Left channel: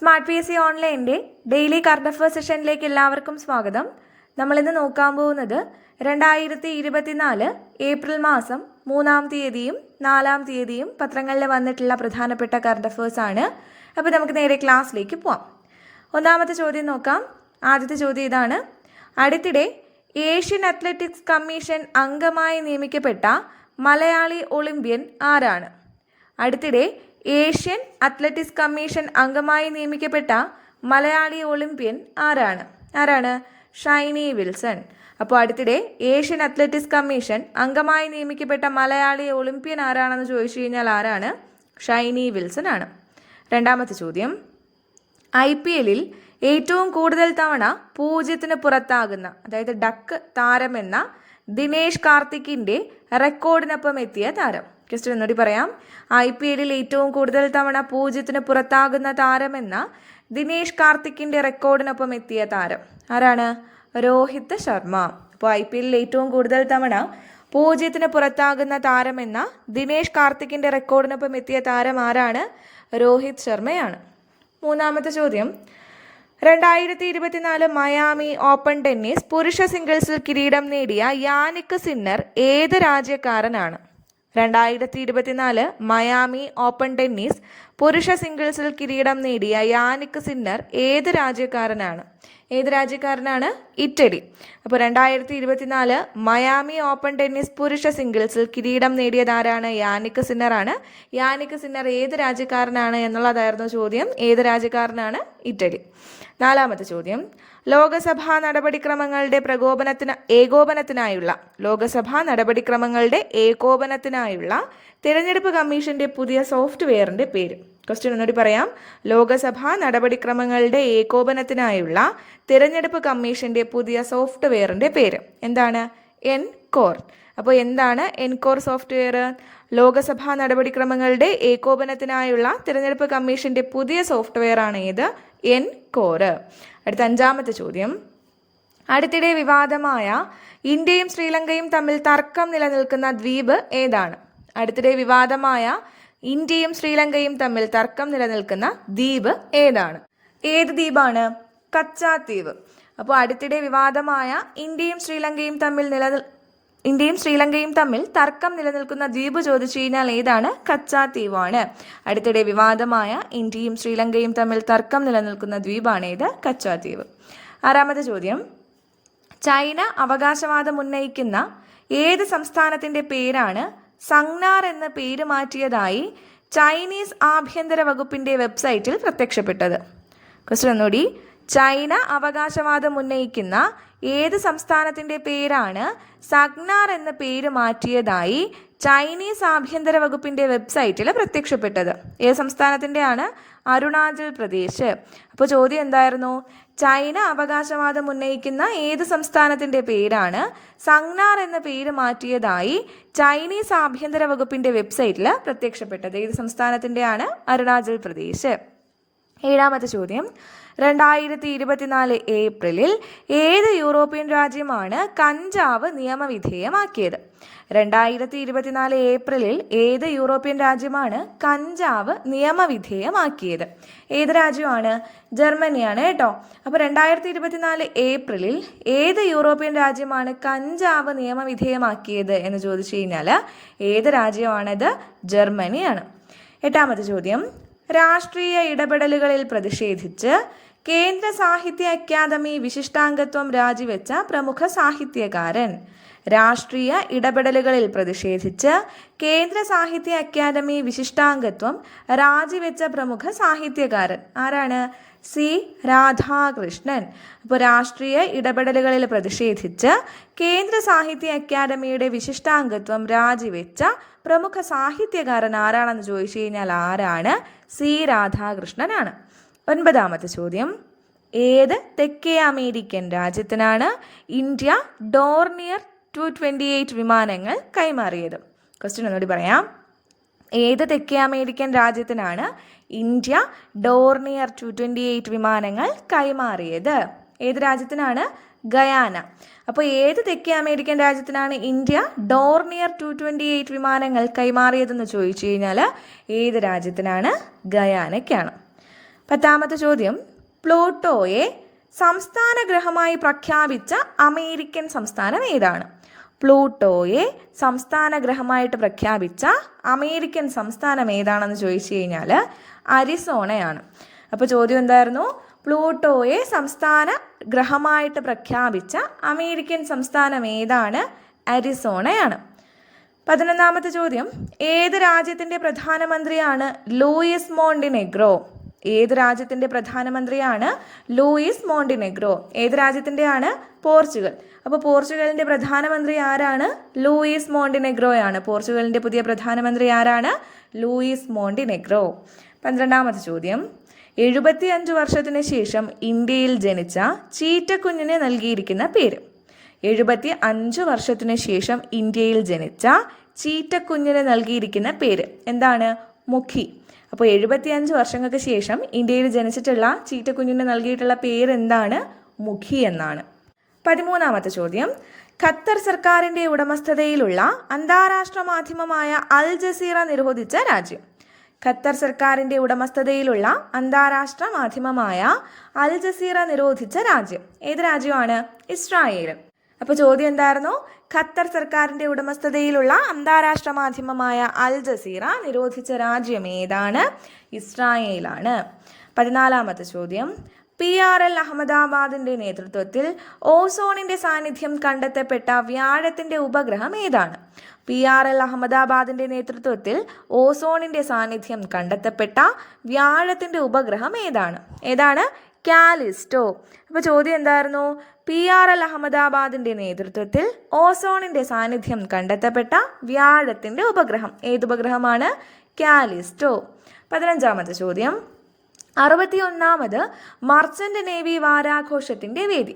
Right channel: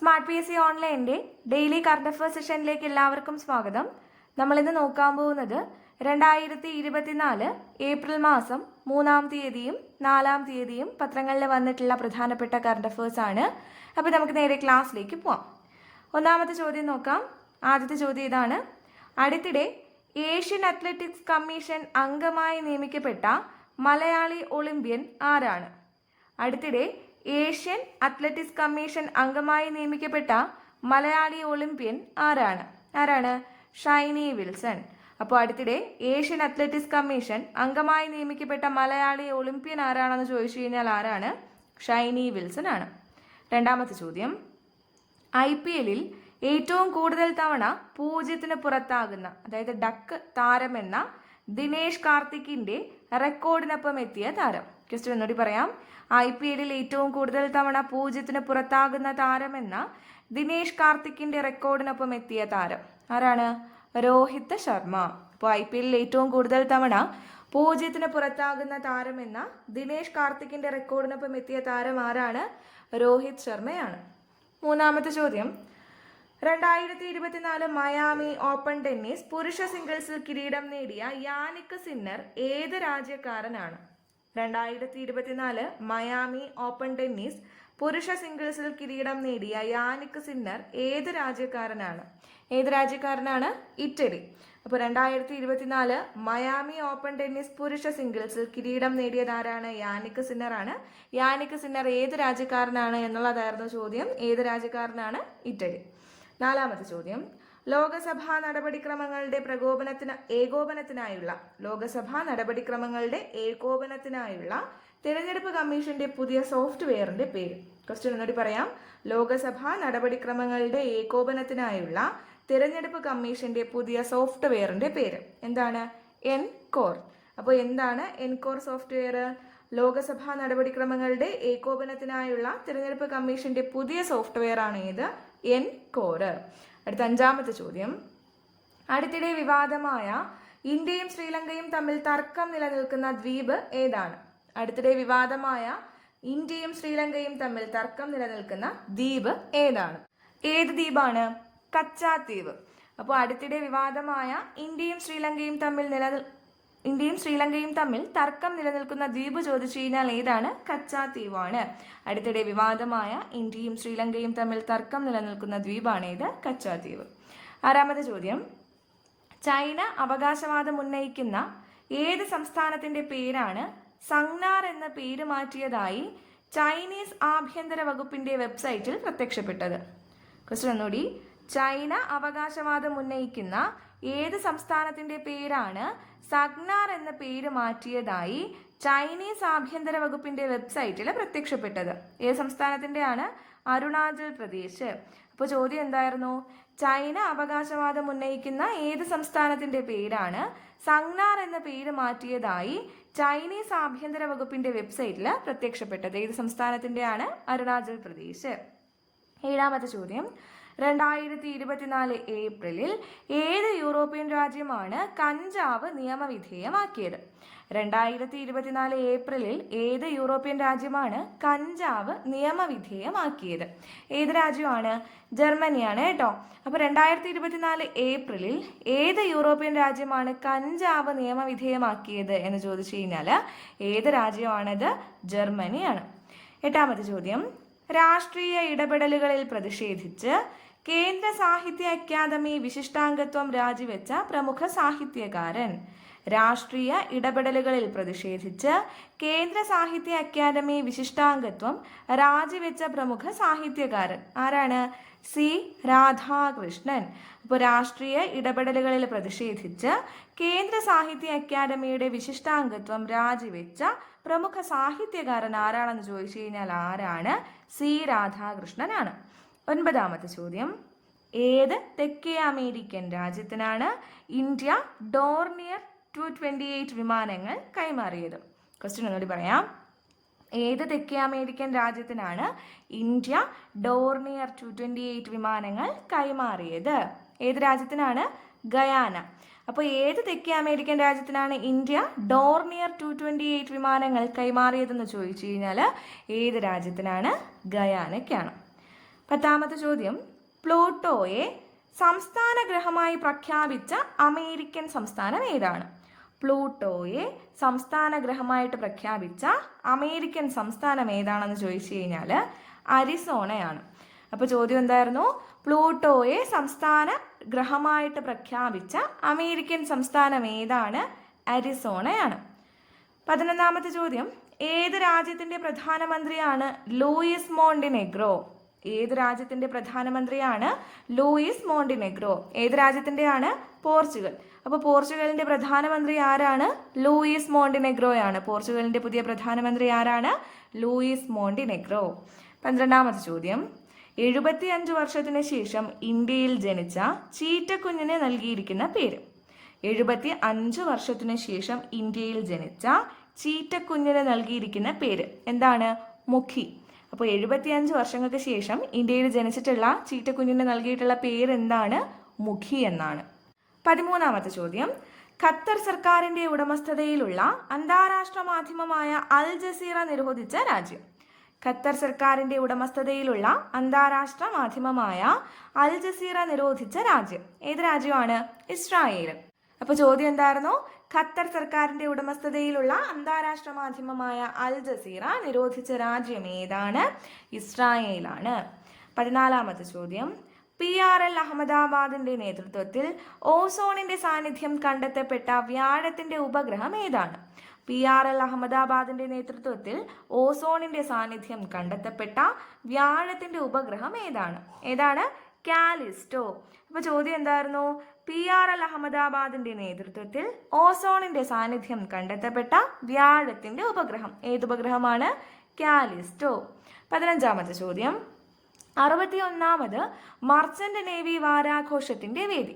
Smart P S C ഓൺലൈൻ്റെ daily current affairs സെഷനിലേക്ക് എല്ലാവർക്കും സ്വാഗതം. നമ്മളിന്ന് നോക്കാൻ പോകുന്നത് 2024 ഏപ്രിൽ മാസം 3-ാം തീയതിയും 4-ാം തീയതിയും പത്രങ്ങളിൽ വന്നിട്ടുള്ള പ്രധാനപ്പെട്ട കറണ്ട് അഫയേഴ്സ് ആണ്. അപ്പോൾ നമുക്ക് നേരെ ക്ലാസ്സിലേക്ക് പോവാം. ഒന്നാമത്തെ ചോദ്യം നോക്കാം. ആദ്യത്തെ ചോദ്യം ഇതാണ്: അടുത്തിടെ ഏഷ്യൻ അത്ലറ്റിക്സ് കമ്മീഷൻ അംഗമായി നിയമിക്കപ്പെട്ട മലയാളി ഒളിമ്പ്യൻ ആരാണ്? അടുത്തിടെ ഏഷ്യൻ അത്ലറ്റിക്സ് കമ്മീഷൻ അംഗമായി നിയമിക്കപ്പെട്ട മലയാളി ഒളിമ്പ്യൻ ആരാണ്? ഷൈനി വിൽസൺ. അപ്പോൾ അടുത്തിടെ ഏഷ്യൻ അത്ലറ്റിക്സ് കമ്മീഷൻ അംഗമായി നിയമിക്കപ്പെട്ട മലയാളി ഒളിമ്പ്യൻ ആരാണെന്ന് ചോദിച്ചു കഴിഞ്ഞാൽ ആരാണ്? ഷൈനി വിൽസൺ ആണ്. രണ്ടാമത്തെ ചോദ്യം: IPL ഏറ്റവും കൂടുതൽ തവണ 0-ന് പുറത്താകുന്ന, അതായത് ഡക്ക് താരമെന്ന ദിനേശ് കാർത്തിക്കിന്റെ റെക്കോർഡിനൊപ്പം എത്തിയ താരം. ക്വസ്റ്റ്യൻ ഒന്നുകൂടി പറയാം. IPL ഏറ്റവും കൂടുതൽ തവണ 0-ന് പുറത്താകുന്ന താരമെന്ന ദിനേശ് കാർത്തിക്കിന്റെ റെക്കോർഡിനൊപ്പം എത്തിയ താരം ആരാണ്? രോഹിത് ശർമ്മ. അപ്പോൾ IPL ഏറ്റവും കൂടുതൽ തവണ 0-ന് പുറത്താകുന്ന താരമെന്ന ദിനേശ് കാർത്തിക്കിന്റെ റെക്കോർഡിനൊപ്പം എത്തിയ താരം ആരാണ്? രോഹിത് ശർമ്മയാണ്. മൂന്നാമത്തെ ചോദ്യം: 2024 മയാമി ഓപ്പൺ ടെന്നീസ് പുരുഷ സിംഗിൾസിൽ കിരീടം നേടിയ യാനിക് സിന്നർ ഏത് രാജ്യക്കാരനാണ്? 2024 മയാമി ഓപ്പൺ ടെന്നീസ് പുരുഷ സിംഗിൾസിൽ കിരീടം നേടിയ യാനിക് സിന്നർ ഏത് രാജ്യക്കാരനാണ്? ഇറ്റലി. അപ്പോൾ 2024 മയാമി ഓപ്പൺ ടെന്നീസ് പുരുഷ സിംഗിൾസിൽ കിരീടം നേടിയത് ആരാണ്? യാനിക് സിന്നർ ആണ്. യാനിക് സിന്നർ ഏത് രാജ്യക്കാരനാണ് എന്നുള്ളതായിരുന്നു ചോദ്യം. ഏത് രാജ്യക്കാരനാണ്? ഇറ്റലി. നാലാമത്തെ ചോദ്യം: ലോകസഭാ നടപടിക്രമങ്ങളുടെ ഏകോപനത്തിനായുള്ള തിരഞ്ഞെടുപ്പ് കമ്മീഷന്റെ പുതിയ സോഫ്റ്റ്വെയറിന്റെ പേര്. ക്വസ്റ്റ്യൻ ഒന്നുകൂടി പറയാം. ലോകസഭാ നടപടിക്രമങ്ങളുടെ ഏകോപനത്തിനായുള്ള തിരഞ്ഞെടുപ്പ് കമ്മീഷന്റെ പുതിയ സോഫ്റ്റ്വെയറിന്റെ പേര് എന്താണ്? എൻകോർ. അപ്പോൾ എന്താണ് എൻകോർ സോഫ്റ്റ്വെയർ? ലോകസഭാ നടപടിക്രമങ്ങളുടെ ഏകോപനത്തിനായുള്ള തിരഞ്ഞെടുപ്പ് കമ്മീഷന്റെ പുതിയ സോഫ്റ്റ്വെയർ ആണ് ഏത്? എൻകോർ. അടുത്ത അഞ്ചാമത്തെ ചോദ്യം: അടുത്തിടെ വിവാദമായ ഇന്ത്യയും ശ്രീലങ്കയും തമ്മിൽ തർക്കം നിലനിൽക്കുന്ന ദ്വീപ് ഏതാണ്? ഏത് ദ്വീപാണ്? കച്ചാദ്വീപ്. അപ്പോൾ അടുത്തിടെ വിവാദമായ ഇന്ത്യയും ശ്രീലങ്കയും തമ്മിൽ തർക്കം നിലനിൽക്കുന്ന ദ്വീപ് ചോദിച്ചു കഴിഞ്ഞാൽ ഏതാണ്? കച്ചാദ്വീപാണ്. അടുത്തിടെ വിവാദമായ ഇന്ത്യയും ശ്രീലങ്കയും തമ്മിൽ തർക്കം നിലനിൽക്കുന്ന ദ്വീപാണ് ഏത്? കച്ചാദ്വീപ്. ആറാമത്തെ ചോദ്യം: ചൈന അവകാശവാദം ഉന്നയിക്കുന്ന ഏത് സംസ്ഥാനത്തിന്റെ പേരാണ് സംഗ്നാർ എന്ന പേര് മാറ്റിയതായി ചൈനീസ് ആഭ്യന്തര വകുപ്പിന്റെ വെബ്സൈറ്റിൽ പ്രത്യക്ഷപ്പെട്ടത്? ക്വസ്റ്റ്യൻ ഒന്നുകൂടി. ചൈന അവകാശവാദം ഉന്നയിക്കുന്ന ഏത് സംസ്ഥാനത്തിന്റെ പേരാണ് സഗ്നാർ എന്ന പേര് മാറ്റിയതായി ചൈനീസ് ആഭ്യന്തര വകുപ്പിന്റെ വെബ്സൈറ്റിൽ പ്രത്യക്ഷപ്പെട്ടത്? ഏത് സംസ്ഥാനത്തിന്റെ ആണ്? അരുണാചൽ പ്രദേശ്. അപ്പോൾ ചോദ്യം എന്തായിരുന്നു? ചൈന അവകാശവാദം ഉന്നയിക്കുന്ന ഏത് സംസ്ഥാനത്തിന്റെ പേരാണ് സംഗ്നാർ എന്ന പേര് മാറ്റിയതായി ചൈനീസ് ആഭ്യന്തര വകുപ്പിന്റെ വെബ്സൈറ്റിൽ പ്രത്യക്ഷപ്പെട്ടത്? ഏത് സംസ്ഥാനത്തിന്റെ ആണ്? അരുണാചൽ പ്രദേശ്. ഏഴാമത്തെ ചോദ്യം: 2024 ഏപ്രിലിൽ ഏത് യൂറോപ്യൻ രാജ്യമാണ് കഞ്ചാവ് നിയമവിധേയമാക്കിയത്? 2024 ഏപ്രിലിൽ ഏത് യൂറോപ്യൻ രാജ്യമാണ് കഞ്ചാവ് നിയമവിധേയമാക്കിയത്? ഏത് രാജ്യമാണ്? ജർമ്മനിയാണ് കേട്ടോ. അപ്പോൾ 2024 ഏപ്രിലിൽ ഏത് യൂറോപ്യൻ രാജ്യമാണ് കഞ്ചാവ് നിയമവിധേയമാക്കിയത് എന്ന് ചോദിച്ചു കഴിഞ്ഞാൽ ഏത് രാജ്യമാണത്? ജർമ്മനിയാണ്. എട്ടാമത്തെ ചോദ്യം: രാഷ്ട്രീയ ഇടപെടലുകളിൽ പ്രതിഷേധിച്ച് കേന്ദ്ര സാഹിത്യ അക്കാദമി വിശിഷ്ടാംഗത്വം രാജിവെച്ച പ്രമുഖ സാഹിത്യകാരൻ. രാഷ്ട്രീയ ഇടപെടലുകളിൽ പ്രതിഷേധിച്ച് കേന്ദ്ര സാഹിത്യ അക്കാദമി വിശിഷ്ടാംഗത്വം രാജിവെച്ച പ്രമുഖ സാഹിത്യകാരൻ ആരാണ്? സി രാധാകൃഷ്ണൻ. അപ്പോൾ രാഷ്ട്രീയ ഇടപെടലുകളിൽ പ്രതിഷേധിച്ച് കേന്ദ്ര സാഹിത്യ അക്കാദമിയുടെ വിശിഷ്ടാംഗത്വം രാജിവെച്ച പ്രമുഖ സാഹിത്യകാരൻ ആരാണെന്ന് ചോദിച്ചു കഴിഞ്ഞാൽ ആരാണ്? സി രാധാകൃഷ്ണനാണ്. ഒൻപതാമത്തെ ചോദ്യം: ഏത് തെക്കേ അമേരിക്കൻ രാജ്യത്തിനാണ് ഇന്ത്യ ഡോർണിയർ 228 വിമാനങ്ങൾ കൈമാറിയത്? ക്വസ്റ്റ്യൻ ഒന്നുകൂടി പറയാം. ഏത് തെക്കേ അമേരിക്കൻ രാജ്യത്തിനാണ് ഇന്ത്യ ഡോർണിയർ 228 വിമാനങ്ങൾ കൈമാറിയത്? ഏത് രാജ്യത്തിനാണ്? ഗയാന. അപ്പോൾ ഏത് തെക്കേ അമേരിക്കൻ രാജ്യത്തിനാണ് ഇന്ത്യ ഡോർണിയർ 228 വിമാനങ്ങൾ കൈമാറിയതെന്ന് ചോദിച്ചു കഴിഞ്ഞാൽ ഏത് രാജ്യത്തിനാണ്? ഗയാനയ്ക്കാണ്. 10ാമത്തെ ചോദ്യം, പ്ലൂട്ടോയെ സംസ്ഥാന ഗ്രഹമായി പ്രഖ്യാപിച്ച അമേരിക്കൻ സംസ്ഥാനം ഏതാണ്? പ്ലൂട്ടോയെ സംസ്ഥാന ഗ്രഹമായിട്ട് പ്രഖ്യാപിച്ച അമേരിക്കൻ സംസ്ഥാനം ഏതാണെന്ന് ചോദിച്ചു കഴിഞ്ഞാൽ അരിസോണയാണ്. അപ്പോൾ ചോദ്യം എന്തായിരുന്നു? പ്ലൂട്ടോയെ സംസ്ഥാന ഗ്രഹമായിട്ട് പ്രഖ്യാപിച്ച അമേരിക്കൻ സംസ്ഥാനം ഏതാണ്? അരിസോണയാണ്. 11ാമത്തെ ചോദ്യം, ഏത് രാജ്യത്തിൻ്റെ പ്രധാനമന്ത്രിയാണ് ലൂയിസ് മോണ്ടിനെഗ്രോ? ഏത് രാജ്യത്തിൻ്റെ പ്രധാനമന്ത്രിയാണ് ലൂയിസ് മോണ്ടിനെഗ്രോ? ഏത് രാജ്യത്തിൻ്റെയാണ്? പോർച്ചുഗൽ. അപ്പോൾ പോർച്ചുഗലിൻ്റെ പ്രധാനമന്ത്രി ആരാണ്? ലൂയിസ് മോണ്ടിനെഗ്രോയാണ്. പോർച്ചുഗലിൻ്റെ പുതിയ പ്രധാനമന്ത്രി ആരാണ്? Luis Montenegro. 12ാമത്തെ ചോദ്യം, 75 വർഷത്തിന് ശേഷം ഇന്ത്യയിൽ ജനിച്ച ചീറ്റക്കുഞ്ഞിന് നൽകിയിരിക്കുന്ന പേര്. 75 വർഷത്തിന് ശേഷം ഇന്ത്യയിൽ ജനിച്ച ചീറ്റക്കുഞ്ഞിന് നൽകിയിരിക്കുന്ന പേര് എന്താണ്? മുഖി. അപ്പോൾ 75 വർഷങ്ങൾക്ക് ശേഷം ഇന്ത്യയിൽ ജനിച്ചിട്ടുള്ള ചീറ്റക്കുഞ്ഞിന് നൽകിയിട്ടുള്ള പേര് എന്താണ്? മുഖി എന്നാണ്. 13ാമത്തെ ചോദ്യം, ഖത്തർ സർക്കാരിൻ്റെ ഉടമസ്ഥതയിലുള്ള അന്താരാഷ്ട്ര മാധ്യമമായ അൽ ജസീറ നിരോധിച്ച രാജ്യം. ഖത്തർ സർക്കാരിൻ്റെ ഉടമസ്ഥതയിലുള്ള അന്താരാഷ്ട്ര മാധ്യമമായ അൽ ജസീറ നിരോധിച്ച രാജ്യം ഏത് രാജ്യമാണ്? ഇസ്രായേൽ. അപ്പോൾ ചോദ്യം എന്തായിരുന്നു? ഖത്തർ സർക്കാരിൻ്റെ ഉടമസ്ഥതയിലുള്ള അന്താരാഷ്ട്ര മാധ്യമമായ അൽ ജസീറ നിരോധിച്ച രാജ്യം ഏതാണ്? ഇസ്രായേലാണ്. 14ാമത്തെ ചോദ്യം, PRL അഹമ്മദാബാദിൻ്റെ നേതൃത്വത്തിൽ ഓസോണിൻ്റെ സാന്നിധ്യം കണ്ടെത്തപ്പെട്ട വ്യാഴത്തിൻ്റെ ഉപഗ്രഹം ഏതാണ്? PRL അഹമ്മദാബാദിൻ്റെ നേതൃത്വത്തിൽ ഓസോണിൻ്റെ സാന്നിധ്യം കണ്ടെത്തപ്പെട്ട വ്യാഴത്തിൻ്റെ ഉപഗ്രഹം ഏതാണ്? കാലിസ്റ്റോ. അപ്പോൾ ചോദ്യം എന്തായിരുന്നു? PRL അഹമ്മദാബാദിൻ്റെ നേതൃത്വത്തിൽ ഓസോണിൻ്റെ സാന്നിധ്യം കണ്ടെത്തപ്പെട്ട വ്യാഴത്തിൻ്റെ ഉപഗ്രഹം ഏത് ഉപഗ്രഹമാണ്? കാലിസ്റ്റോ. 15ാമത്തെ ചോദ്യം, 61ാമത് മർച്ചന്റ് നേവി വാരാഘോഷത്തിൻ്റെ വേദി.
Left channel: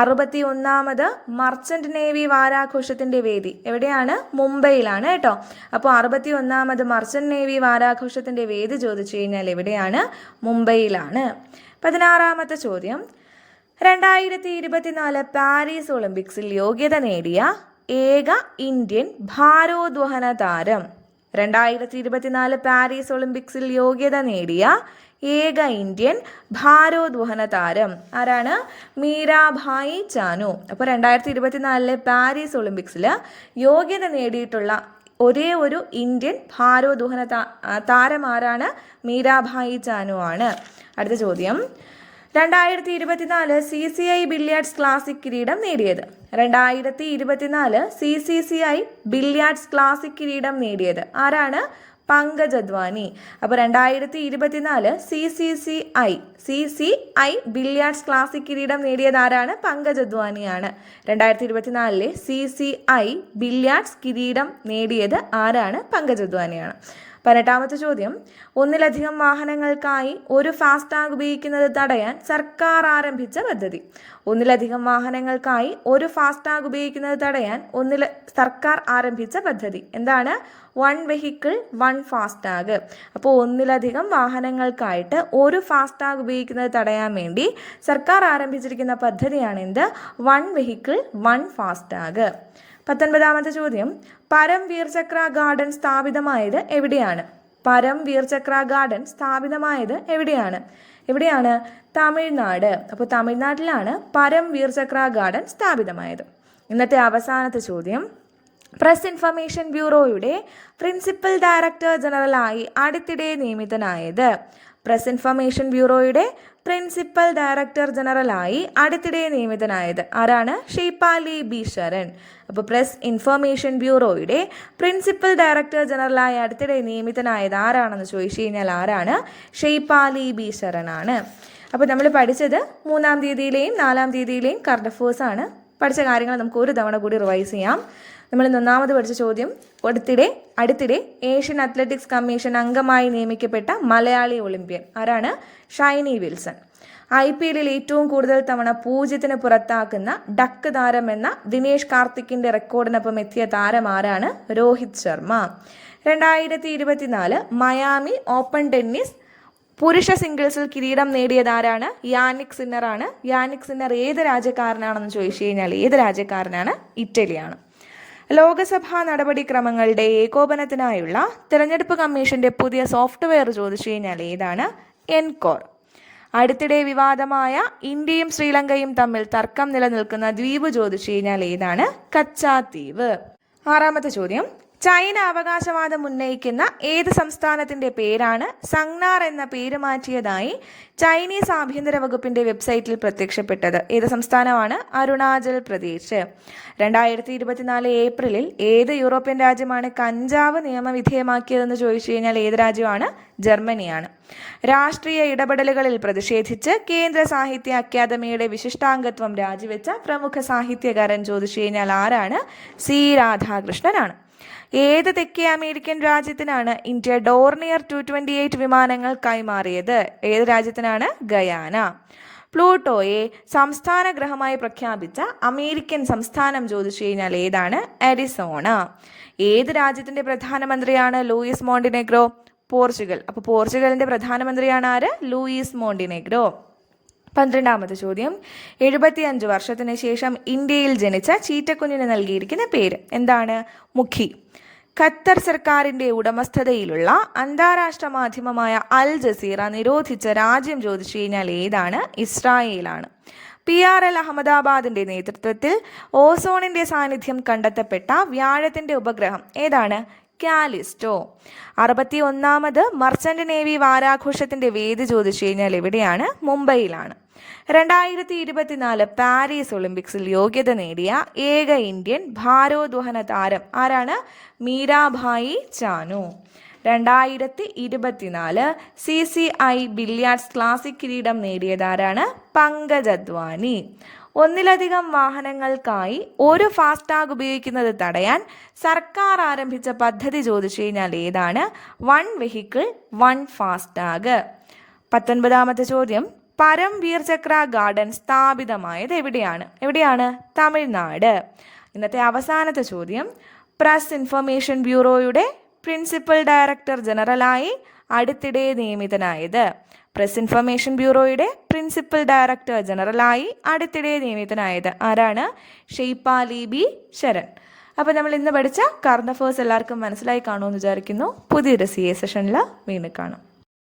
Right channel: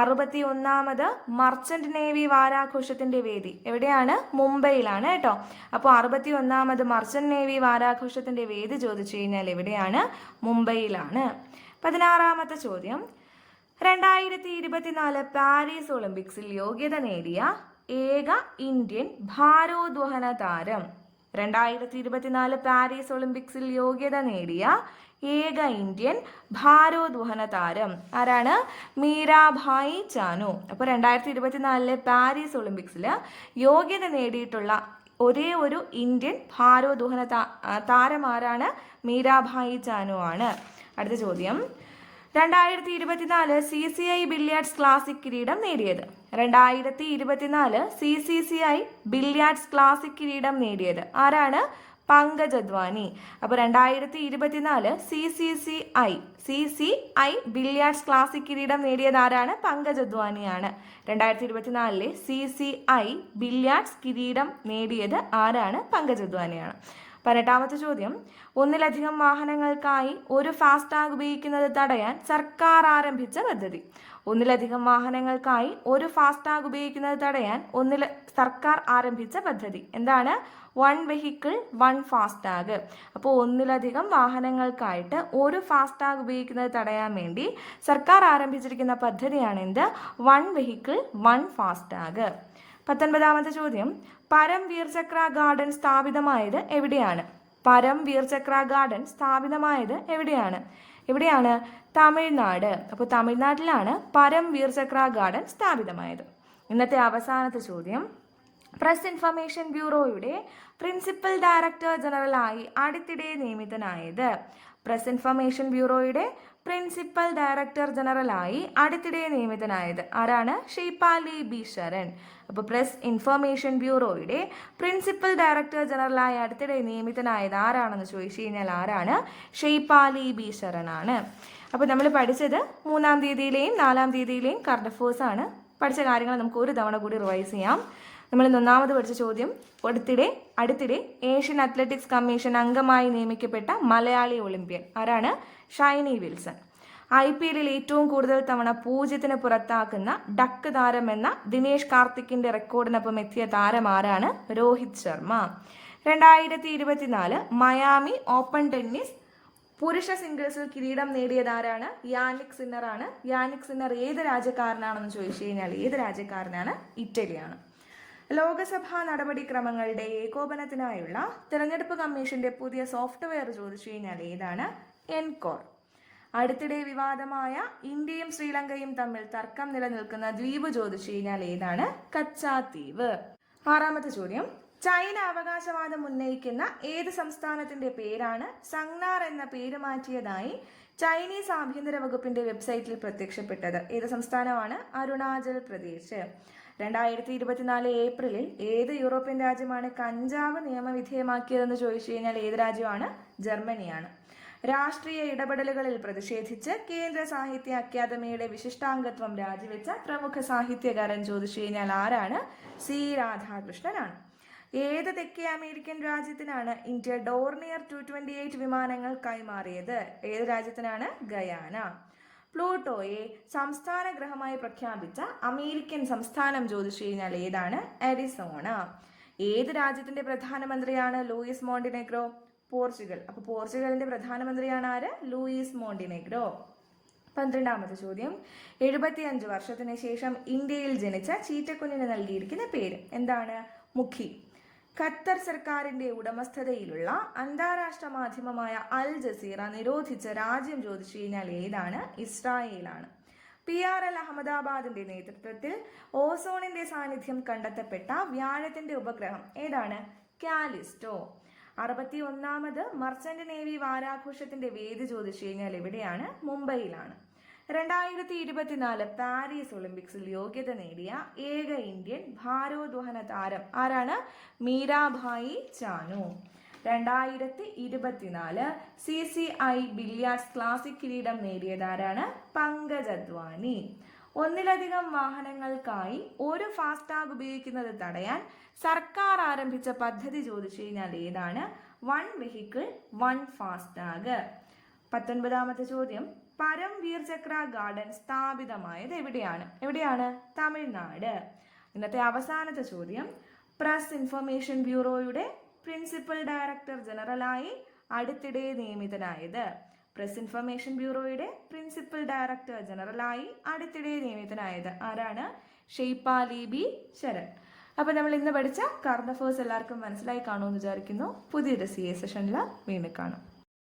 61ാമത് മർച്ചന്റ് നേവി വാരാഘോഷത്തിൻ്റെ വേദി എവിടെയാണ്? മുംബൈയിലാണ് കേട്ടോ. അപ്പോൾ 61ാമത് മർച്ചന്റ് നേവി വാരാഘോഷത്തിൻ്റെ വേദി ചോദിച്ചു കഴിഞ്ഞാൽ എവിടെയാണ്? മുംബൈയിലാണ്. 16ാമത്തെ ചോദ്യം, 2024 പാരീസ് ഒളിമ്പിക്സിൽ യോഗ്യത നേടിയ ഏക ഇന്ത്യൻ ഭാരോദ്വഹന താരം. 2024 പാരീസ് ഒളിമ്പിക്സിൽ യോഗ്യത നേടിയ ഏക ഇന്ത്യൻ ഭാരോദ്വഹന താരം ആരാണ്? മീരാഭായി ചാനു. അപ്പോൾ 2024 പാരീസ് ഒളിമ്പിക്സിൽ യോഗ്യത നേടിയിട്ടുള്ള ഒരേ ഒരു ഇന്ത്യൻ ഭാരോദ്വഹന താരം ആരാണ്? മീരാഭായി ചാനു ആണ്. അടുത്ത ചോദ്യം, 2024 CCI ബില്ലിയാർഡ്സ് ക്ലാസിക് കിരീടം നേടിയത്. 2024 CCCI ബില്ലിയാർഡ്സ് ക്ലാസിക് കിരീടം നേടിയത് ആരാണ്? പങ്കജ് അദ്വാനി. അപ്പോൾ 2024 CCI ബില്ലിയാർഡ്സ് ക്ലാസിക് കിരീടം നേടിയത് ആരാണ്? പങ്കജ് അദ്വാനിയാണ്. 2024 CCI ബില്ലിയാർഡ്സ് കിരീടം നേടിയത് ആരാണ്? പങ്കജ് അദ്വാനിയാണ്. 18ാമത്തെ ചോദ്യം, ഒന്നിലധികം വാഹനങ്ങൾക്കായി ഒരു ഫാസ്ടാഗ് ഉപയോഗിക്കുന്നത് തടയാൻ സർക്കാർ ആരംഭിച്ച പദ്ധതി. ഒന്നിലധികം വാഹനങ്ങൾക്കായി ഒരു ഫാസ്ടാഗ് ഉപയോഗിക്കുന്നത് തടയാൻ സർക്കാർ ആരംഭിച്ച പദ്ധതി എന്താണ്? One vehicle one FASTag. അപ്പോൾ ഒന്നിലധികം വാഹനങ്ങൾക്കായിട്ട് ഒരു ഫാസ്ടാഗ് ഉപയോഗിക്കുന്നത് തടയാൻ വേണ്ടി സർക്കാർ ആരംഭിച്ചിരിക്കുന്ന പദ്ധതിയാണ് എന്ത്? One vehicle one FASTag. 19ാമത്തെ ചോദ്യം, പരംവീർ ചക്ര ഗാർഡൻ സ്ഥാപിതമായത് എവിടെയാണ്? പരംവീർ ചക്ര ഗാർഡൻ സ്ഥാപിതമായത് എവിടെയാണ്? തമിഴ്നാട്. അപ്പോൾ തമിഴ്നാട്ടിലാണ് പരംവീർ ചക്ര ഗാർഡൻ സ്ഥാപിതമായത്. ഇന്നത്തെ അവസാനത്തെ ചോദ്യം, പ്രസ് ഇൻഫർമേഷൻ ബ്യൂറോയുടെ പ്രിൻസിപ്പൽ ഡയറക്ടർ ജനറലായി അടുത്തിടെ നിയമിതനായത്. പ്രസ് ഇൻഫർമേഷൻ ബ്യൂറോയുടെ പ്രിൻസിപ്പൽ ഡയറക്ടർ ജനറലായി അടുത്തിടെ നിയമിതനായത് ആരാണ്? ഷെയ്പാലി ബി ശരൺ. അപ്പോൾ പ്രസ് ഇൻഫർമേഷൻ ബ്യൂറോയുടെ പ്രിൻസിപ്പൽ ഡയറക്ടർ ജനറലായി അടുത്തിടെ നിയമിതനായത് ആരാണെന്ന് ചോദിച്ചു കഴിഞ്ഞാൽ ആരാണ്? ഷെയ്പാലി ബി ശരൺ ആണ്. അപ്പോൾ നമ്മൾ പഠിച്ചത് 3-ാം തീയതിയിലെയും 4-ാം തീയതിയിലെയും കറണ്ട് അഫേഴ്സ് ആണ്. പഠിച്ച കാര്യങ്ങൾ നമുക്ക് ഒരു തവണ കൂടി റിവൈസ് ചെയ്യാം. നമ്മൾ ഒന്നാമത് പഠിച്ച ചോദ്യം, അടുത്തിടെ ഏഷ്യൻ അത്ലറ്റിക്സ് കമ്മീഷൻ അംഗമായി നിയമിക്കപ്പെട്ട മലയാളി ഒളിമ്പ്യൻ ആരാണ്? ഷൈനി വിൽസൺ. IPL ഏറ്റവും കൂടുതൽ തവണ 0-ന് പുറത്താക്കുന്ന ഡക്ക് താരം എന്ന ദിനേഷ് കാർത്തിക്കിന്റെ റെക്കോർഡിനൊപ്പം എത്തിയ താരം ആരാണ്? Rohit Sharma. 2024 Miami open tennis പുരുഷ സിംഗിൾസിൽ കിരീടം നേടിയത് ആരാണ്? യാനിക് സിന്നർ ആണ്. യാനിക് സിന്നർ ഏത് രാജ്യക്കാരനാണെന്ന് ചോദിച്ചു കഴിഞ്ഞാൽ ഇറ്റലിയാണ്. ലോകസഭാ നടപടിക്രമങ്ങളുടെ ഏകോപനത്തിനായുള്ള തിരഞ്ഞെടുപ്പ് കമ്മീഷന്റെ പുതിയ സോഫ്റ്റ്വെയർ ചോദിച്ചു കഴിഞ്ഞാൽ ഏതാണ്? എൻകോർ. അടുത്തിടെ വിവാദമായ ഇന്ത്യയും ശ്രീലങ്കയും തമ്മിൽ തർക്കം നിലനിൽക്കുന്ന ദ്വീപ് ചോദിച്ചു കഴിഞ്ഞാൽ ഏതാണ്? കച്ചാദ്വീപ്. ആറാമത്തെ ചോദ്യം, ചൈന അവകാശവാദം ഉന്നയിക്കുന്ന ഏത് സംസ്ഥാനത്തിന്റെ പേരാണ് സംഗ്നാർ എന്ന പേര് മാറ്റിയതായി ചൈനീസ് ആഭ്യന്തര വകുപ്പിന്റെ വെബ്സൈറ്റിൽ പ്രത്യക്ഷപ്പെട്ടത്? ഏത് സംസ്ഥാനമാണ്? അരുണാചൽ പ്രദേശ്. 2024 ഏപ്രിലിൽ ഏത് യൂറോപ്യൻ രാജ്യമാണ് കഞ്ചാവ് നിയമവിധേയമാക്കിയതെന്ന് ചോദിച്ചു കഴിഞ്ഞാൽ ഏത് രാജ്യമാണ്? ജർമ്മനിയാണ്. രാഷ്ട്രീയ ഇടപെടലുകളിൽ പ്രതിഷേധിച്ച് കേന്ദ്ര സാഹിത്യ അക്കാദമിയുടെ വിശിഷ്ടാംഗത്വം രാജിവെച്ച പ്രമുഖ സാഹിത്യകാരൻ ചോദിച്ചു കഴിഞ്ഞാൽ ആരാണ്? സി രാധാകൃഷ്ണനാണ്. ഏത് തെക്കേ അമേരിക്കൻ രാജ്യത്തിനാണ് ഇന്ത്യ ഡോർണിയർ 228 വിമാനങ്ങൾ കൈമാറിയത്? ഏത് രാജ്യത്തിനാണ്? ഗയാന. പ്ലൂട്ടോയെ സംസ്ഥാന ഗ്രഹമായി പ്രഖ്യാപിച്ച അമേരിക്കൻ സംസ്ഥാനം ചോദിച്ചു കഴിഞ്ഞാൽ ഏതാണ്? അരിസോണ. ഏത് രാജ്യത്തിന്റെ പ്രധാനമന്ത്രിയാണ് ലൂയിസ് മോണ്ടിനെഗ്രോ? പോർച്ചുഗൽ. അപ്പോൾ പോർച്ചുഗലിന്റെ പ്രധാനമന്ത്രിയാണ് ആര്? Luis Montenegro. 12ാമത്തെ ചോദ്യം, 75 വർഷത്തിന് ശേഷം ഇന്ത്യയിൽ ജനിച്ച ചീറ്റക്കുഞ്ഞിന് നൽകിയിരിക്കുന്ന പേര് എന്താണ്? മുഖി. ഖത്തർ സർക്കാരിന്റെ ഉടമസ്ഥതയിലുള്ള അന്താരാഷ്ട്ര മാധ്യമമായ അൽ ജസീറ നിരോധിച്ച രാജ്യം ചോദിച്ചു കഴിഞ്ഞാൽ ഏതാണ്? ഇസ്രായേലാണ്. PRL അഹമ്മദാബാദിന്റെ നേതൃത്വത്തിൽ ഓസോണിന്റെ സാന്നിധ്യം കണ്ടെത്തപ്പെട്ട വ്യാഴത്തിന്റെ ഉപഗ്രഹം ഏതാണ്? കാലിസ്റ്റോ. 61ാമത് മർച്ചന്റ് നേവി വാരാഘോഷത്തിന്റെ വേദി ചോദിച്ചു കഴിഞ്ഞാൽ എവിടെയാണ്? മുംബൈയിലാണ്. 2024 പാരീസ് ഒളിമ്പിക്സിൽ യോഗ്യത നേടിയ ഏക ഇന്ത്യൻ ഭാരോദ്വഹന താരം ആരാണ്? Meerabai Chanu. 2024 CCI billiards classic കിരീടം നേടിയതാരാണ്? പങ്കജ് അദ്വാനി. ഒന്നിലധികം വാഹനങ്ങൾക്കായി ഒരു ഫാസ്ടാഗ് ഉപയോഗിക്കുന്നത് തടയാൻ സർക്കാർ ആരംഭിച്ച പദ്ധതി ചോദിച്ചു കഴിഞ്ഞാൽ ഏതാണ്? One vehicle one FASTag. 19ാമത്തെ ചോദ്യം, പരംവീർ ചക്ര ഗാർഡൻ സ്ഥാപിതമായത് എവിടെയാണ്? തമിഴ്നാട്. ഇന്നത്തെ അവസാനത്തെ ചോദ്യം, പ്രസ് ഇൻഫർമേഷൻ ബ്യൂറോയുടെ പ്രിൻസിപ്പൽ ഡയറക്ടർ ജനറലായി അടുത്തിടെ നിയമിതനായത്? പ്രസ് ഇൻഫർമേഷൻ ബ്യൂറോയുടെ പ്രിൻസിപ്പൽ ഡയറക്ടർ ജനറലായി അടുത്തിടെ നിയമിതനായത് ആരാണ്? ഷെയ്പാലി ബി ശരൺ. അപ്പോൾ നമ്മൾ ഇന്ന് പഠിച്ച കറണ്ട് അഫേഴ്സ് എല്ലാവർക്കും മനസ്സിലായി കാണുമെന്ന് വിചാരിക്കുന്നു. പുതിയൊരു CA സെഷനിൽ വീണ്ടും കാണാം.